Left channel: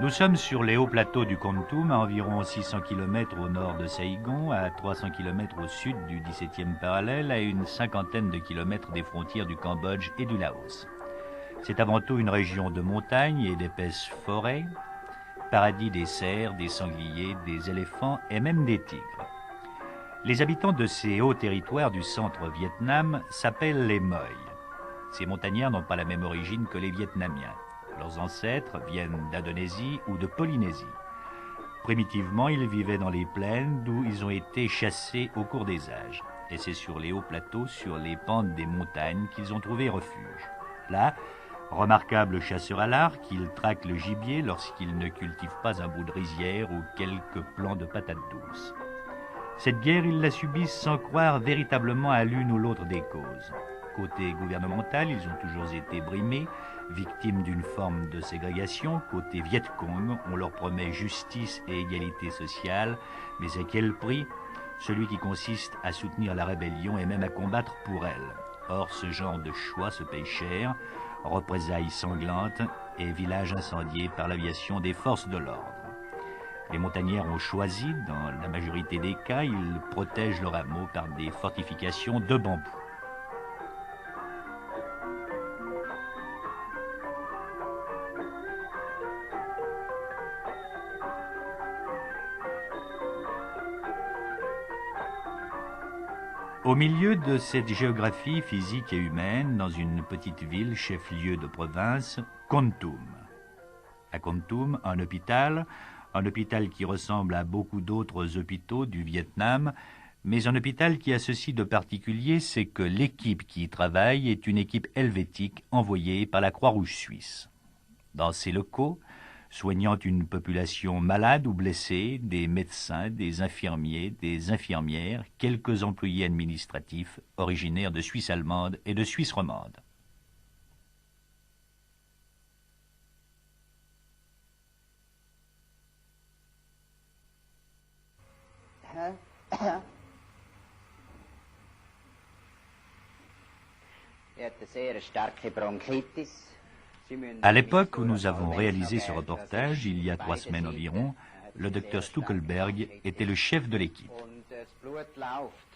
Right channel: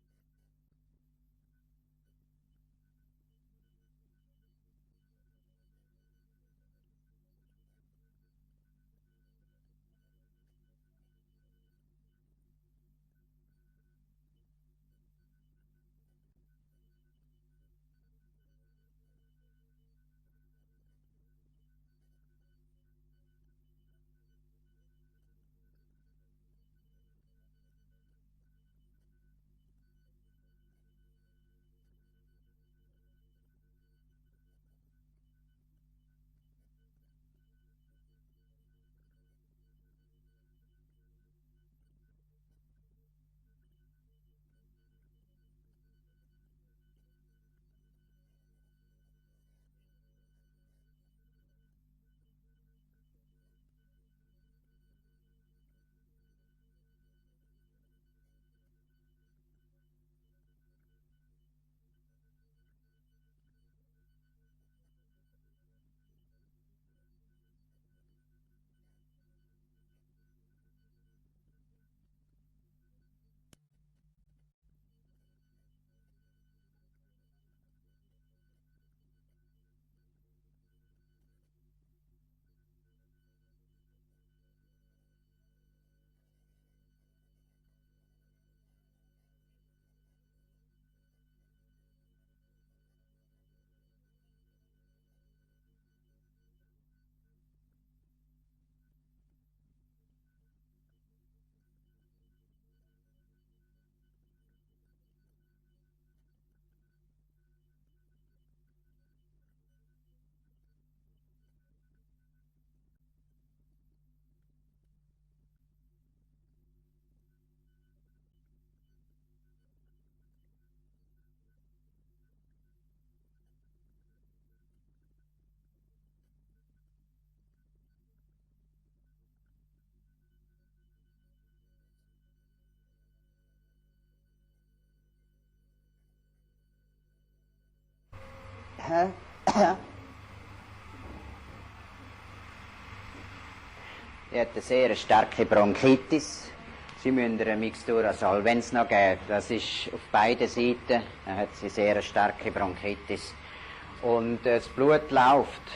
Nous sommes sur les hauts plateaux du Kontum, à environ 600 km au nord de Saïgon, à 300 km au sud du 17e parallèle, à une cinquantaine de kilomètres des frontières du Cambodge et du Laos. C'est avant tout une région de montagnes et d'épaisses forêts, paradis des cerfs, des sangliers, des éléphants et même des tigres. Les habitants de ces hauts territoires du centre Vietnam s'appellent les Moi. Ces montagnards n'ont pas la même origine que les Vietnamiens. Leurs ancêtres viennent d'Indonésie ou de Polynésie. Primitivement, ils vivaient dans les plaines d'où ils ont été chassés au cours des âges. Et c'est sur les hauts plateaux, sur les pentes des montagnes qu'ils ont trouvé refuge. Là, remarquables chasseurs à l'arc, ils traquent le gibier lorsqu'ils ne cultivent pas un bout de rizière ou quelques plants de patates douces. Cette guerre, ils la subissent sans croire véritablement à l'une ou l'autre des causes. Côté gouvernemental, ils ont toujours été brimés, victimes d'une forme de ségrégation. Côté Viet Cong, on leur promet justice et égalité sociale, mais à quel prix? Celui qui consiste à soutenir la rébellion et même à combattre pour elle. Or, ce genre de choix se paye cher, représailles sanglantes et villages incendiés par l'aviation des forces de l'ordre. Les montagnards ont choisi, dans la majorité des cas, ils protègent leur hameau par des fortifications de bambou. Au milieu de cette géographie physique et humaine, dans une petite ville, chef-lieu de province, Kontum. À Kontum, un hôpital qui ressemble à beaucoup d'autres hôpitaux du Vietnam, mais un hôpital qui a ceci de particulier, c'est que l'équipe qui y travaille est une équipe helvétique envoyée par la Croix-Rouge suisse. Dans ces locaux, soignant une population malade ou blessée, des médecins, des infirmiers, des infirmières, quelques employés administratifs originaires de Suisse allemande et de Suisse romande. Er hat eine sehr starke Bronchitis. Sie müssen À den l'époque où Mixtur, nous avons wenn es noch réalisé ce geht, das reportage, ist il auf y a 3 beiden semaines Seiten, environ, hat sie le sehr docteur starke Stuckelberg était Bronchitis. le chef de l'équipe. Und das Blut läuft.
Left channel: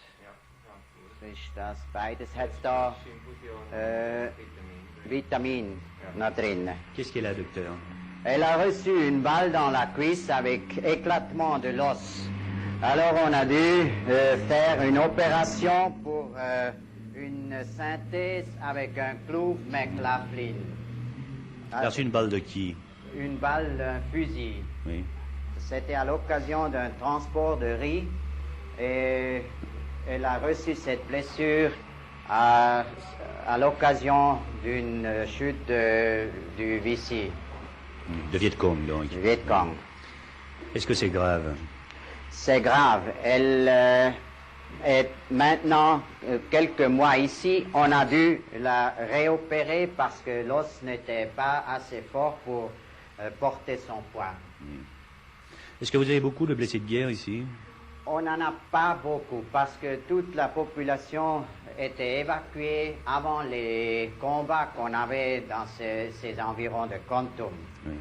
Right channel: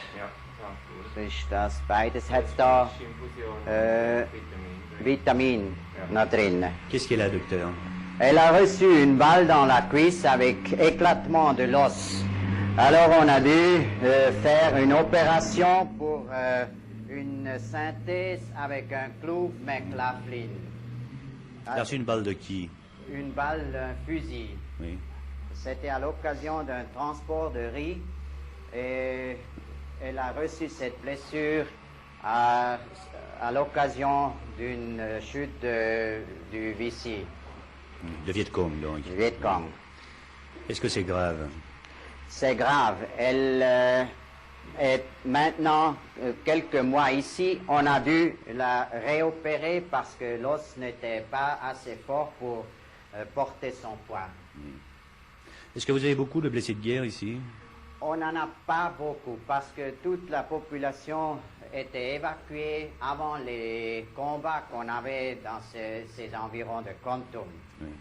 Das ist das, beides hat da Vitamin noch drin. Qu'est-ce qu'elle a, docteur? Elle a reçu une balle dans la cuisse avec éclatement de l'os. Alors on a dû faire une opération pour une synthèse avec un clou McLaughlin. Elle a reçu une balle de qui? Une balle d'un fusil. Oui. C'était à l'occasion d'un transport de riz et elle a reçu cette blessure à l'occasion d'une chute du Vichy. De Viet Cong, donc. Du Viet Cong. Est-ce que c'est grave? C'est grave. Elle est maintenant quelques mois ici. On a dû la réopérer parce que l'os n'était pas assez fort pour porter son poids. Est-ce que vous avez beaucoup de blessés de guerre ici? On n'en a pas beaucoup parce que toute la population était évacuée avant les combats qu'on avait dans ces environs de Kontum. Oui.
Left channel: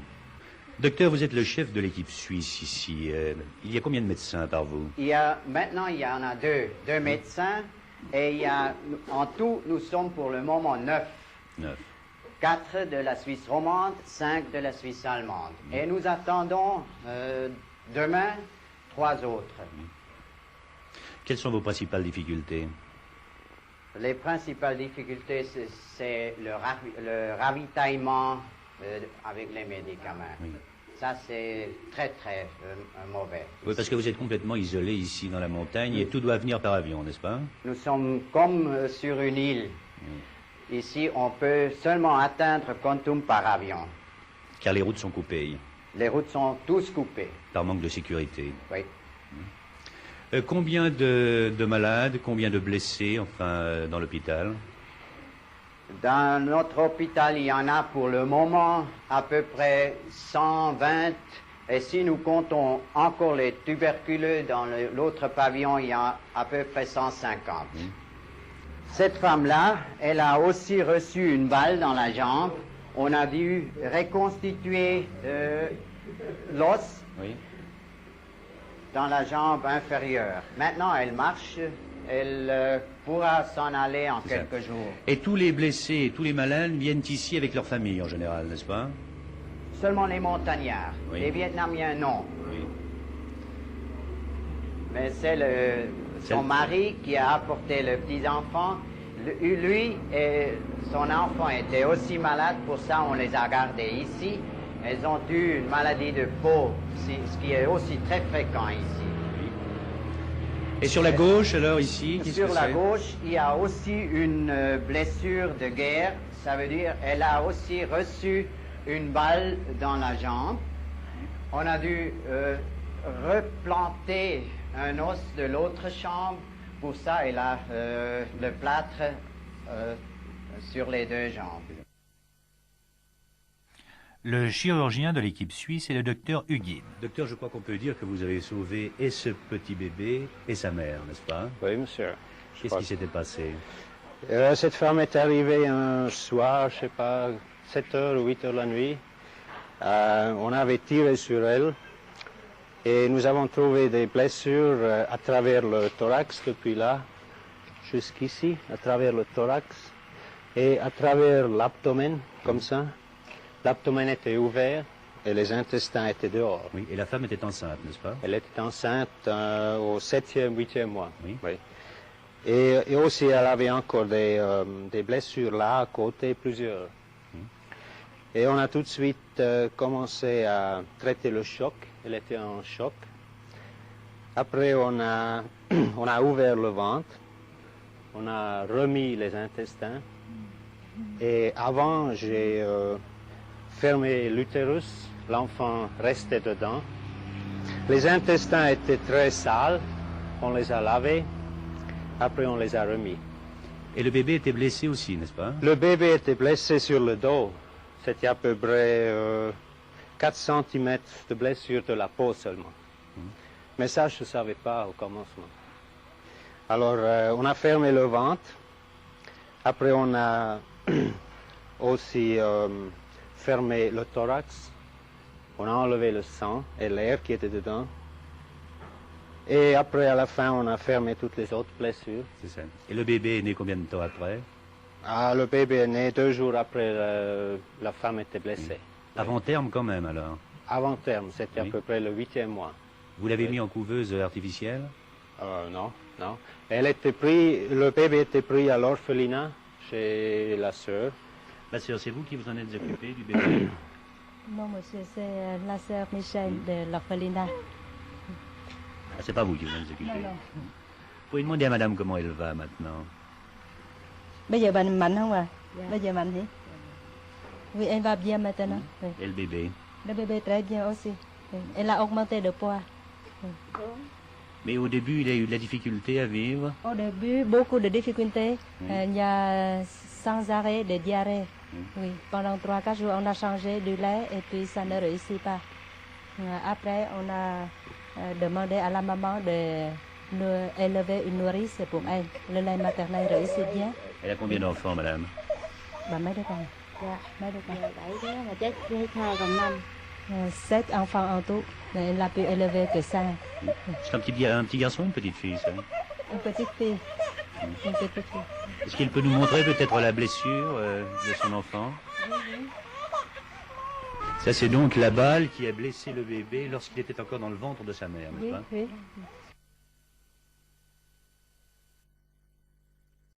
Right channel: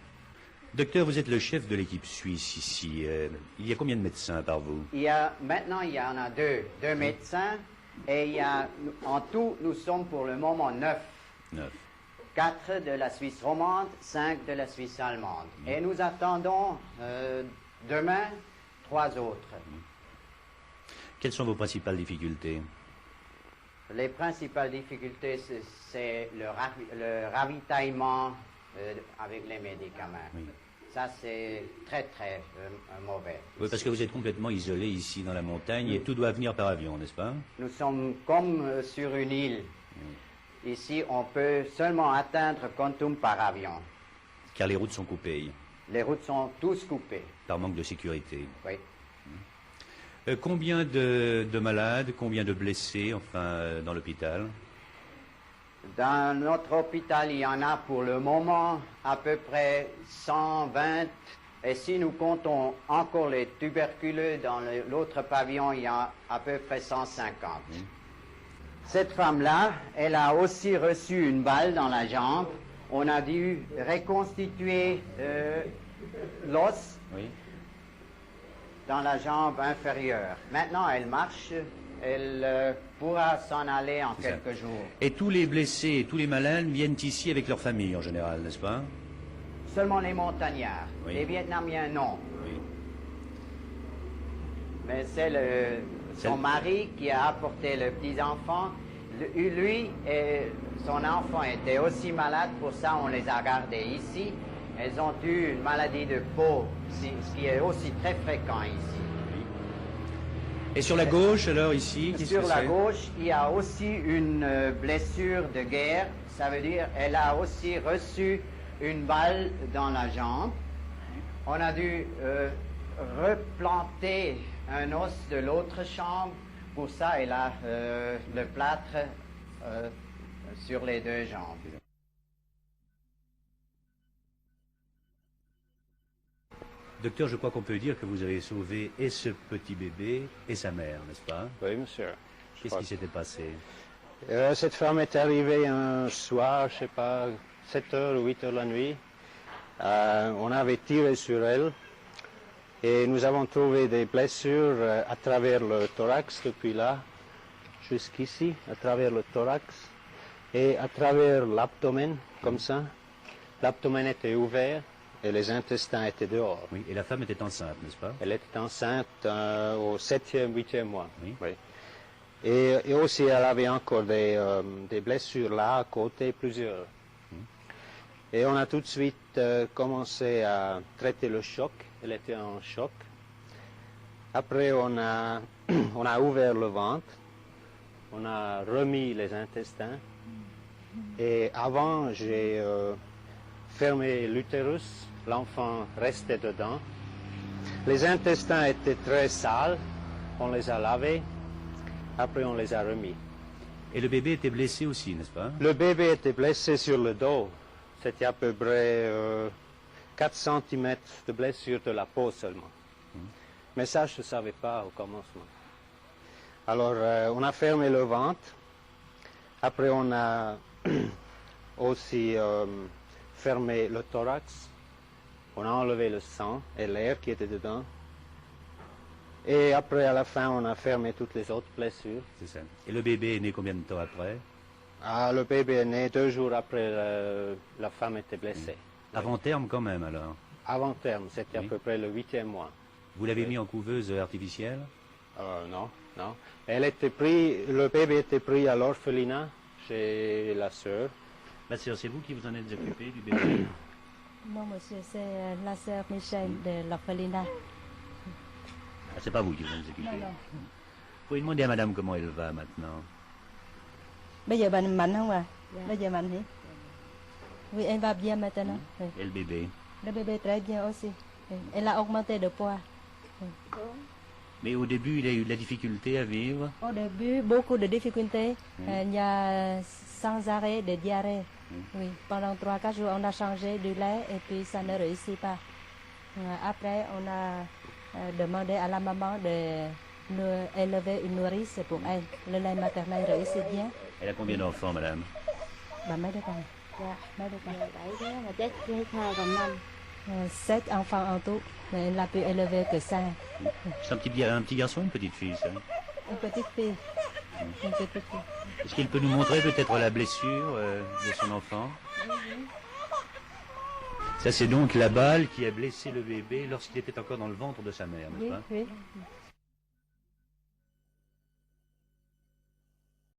Docteur, vous êtes le chef de l'équipe suisse ici. Il y a combien de médecins par vous? Maintenant, il y en a deux médecins et il y a, en tout, nous sommes pour le moment 9. 4 de la Suisse romande, 5 de la Suisse allemande. Et nous attendons demain 3 autres. Quelles sont vos principales difficultés? Les principales difficultés, c'est le ravitaillement avec les médicaments. Oui. Ça, c'est très, très mauvais. Oui, parce que vous êtes complètement isolé ici dans la montagne et tout doit venir par avion, n'est-ce pas? Nous sommes comme sur une île. Ici, on peut seulement atteindre Kontum par avion. Car les routes sont coupées. Les routes sont tous coupées. Par manque de sécurité. Oui. Combien de malades, combien de blessés, enfin, dans l'hôpital? Dans notre hôpital, il y en a pour le moment à peu près 120. Et si nous comptons encore les tuberculeux dans l'autre pavillon, il y a à peu près 150. Cette femme-là, elle a aussi reçu une balle dans la jambe. On a dû reconstituer l'os Oui. dans la jambe inférieure. Maintenant, elle marche, elle pourra s'en aller en quelques jours. Et tous les blessés, tous les malades viennent ici avec leur famille en général, n'est-ce pas? Seulement les montagnards, Oui. les Vietnamiens non. Oui. Mais c'est son mari qui a apporté le petit enfant. Lui et son enfant étaient aussi malades, pour ça on les a gardés ici. Elles ont eu une maladie de peau, ce qui est aussi très fréquent ici. Et sur la gauche, alors ici, Sur la gauche, il y a aussi une blessure de guerre. Ça veut dire qu'elle a aussi reçu une balle dans la jambe. On a dû replanter un os de l'autre chambre. Pour ça, elle a le plâtre sur les deux jambes. Le chirurgien de l'équipe suisse est le docteur Hugin. Docteur, je crois qu'on peut dire que vous avez sauvé et ce petit bébé et sa mère, n'est-ce pas? Oui, monsieur. Qu'est-ce qui s'était passé? Cette femme est arrivée un soir, je sais pas, 7h, 8h la nuit. On avait tiré sur elle et nous avons trouvé des blessures à travers le thorax, depuis là jusqu'ici, à travers le thorax et à travers l'abdomen, comme ça. L'abdomen était ouvert et les intestins étaient dehors. Oui, et la femme était enceinte, n'est-ce pas? Elle était enceinte au 7e, 8e mois. Oui. Oui. Et aussi, elle avait encore des blessures là à côté, plusieurs. Et on a tout de suite commencé à traiter le choc. Elle était en choc. Après, on a ouvert le ventre. On a remis les intestins. Et avant, j'ai fermé l'utérus. L'enfant restait dedans. Les intestins étaient très sales. On les a lavés. Après, on les a remis. Et le bébé était blessé aussi, n'est-ce pas? Le bébé était blessé sur le dos. C'était à peu près 4 cm de blessure de la peau seulement. Mais ça, je ne savais pas au commencement. Alors, on a fermé le ventre. Après, on a aussi fermé le thorax. On a enlevé le sang et l'air qui était dedans. Et après, à la fin, on a fermé toutes les autres blessures. C'est ça. Et le bébé est né combien de temps après? Le bébé est né 2 jours après la femme était blessée. Avant terme quand même, alors. Avant terme, c'était à Oui. peu près le 8e mois. Vous l'avez mis en couveuse artificielle? Non. Le bébé était pris à l'orphelinat chez la sœur. La sœur, c'est vous qui vous en êtes occupé du bébé? Non, monsieur, c'est la sœur Michel de l'orphelinat. Ah, c'est pas vous qui vous en êtes occupé. Non, non. Vous pouvez demander à madame comment elle va maintenant. Bây giờ bạn mạnh không ạ? Bây giờ mạnh gì? Oui, elle va bien maintenant. Oui. Et le bébé? Le bébé très bien aussi. Oui. Elle a augmenté de poids. Mais au début, il a eu de la difficulté à vivre. Au début, beaucoup de difficultés. Il y a sans arrêt de diarrhée. Oui. Pendant 3-4 jours, on a changé du lait et puis ça ne réussit pas. Après, on a demandé à la maman d'élever une nourrice pour elle. Le lait maternel réussit bien. Elle a combien d'enfants, madame? Và mấy đứa con? Mấy đứa con? Mà chết với 7 enfants en tout, mais elle a pu élever que 5. C'est un petit garçon ou une petite fille, ça? Une petite fille. Une petite fille. Est-ce qu'il peut nous montrer peut-être la blessure de son enfant? Ça, c'est donc la balle qui a blessé le bébé lorsqu'il était encore dans le ventre de sa mère, n'est-ce Oui, pas? oui.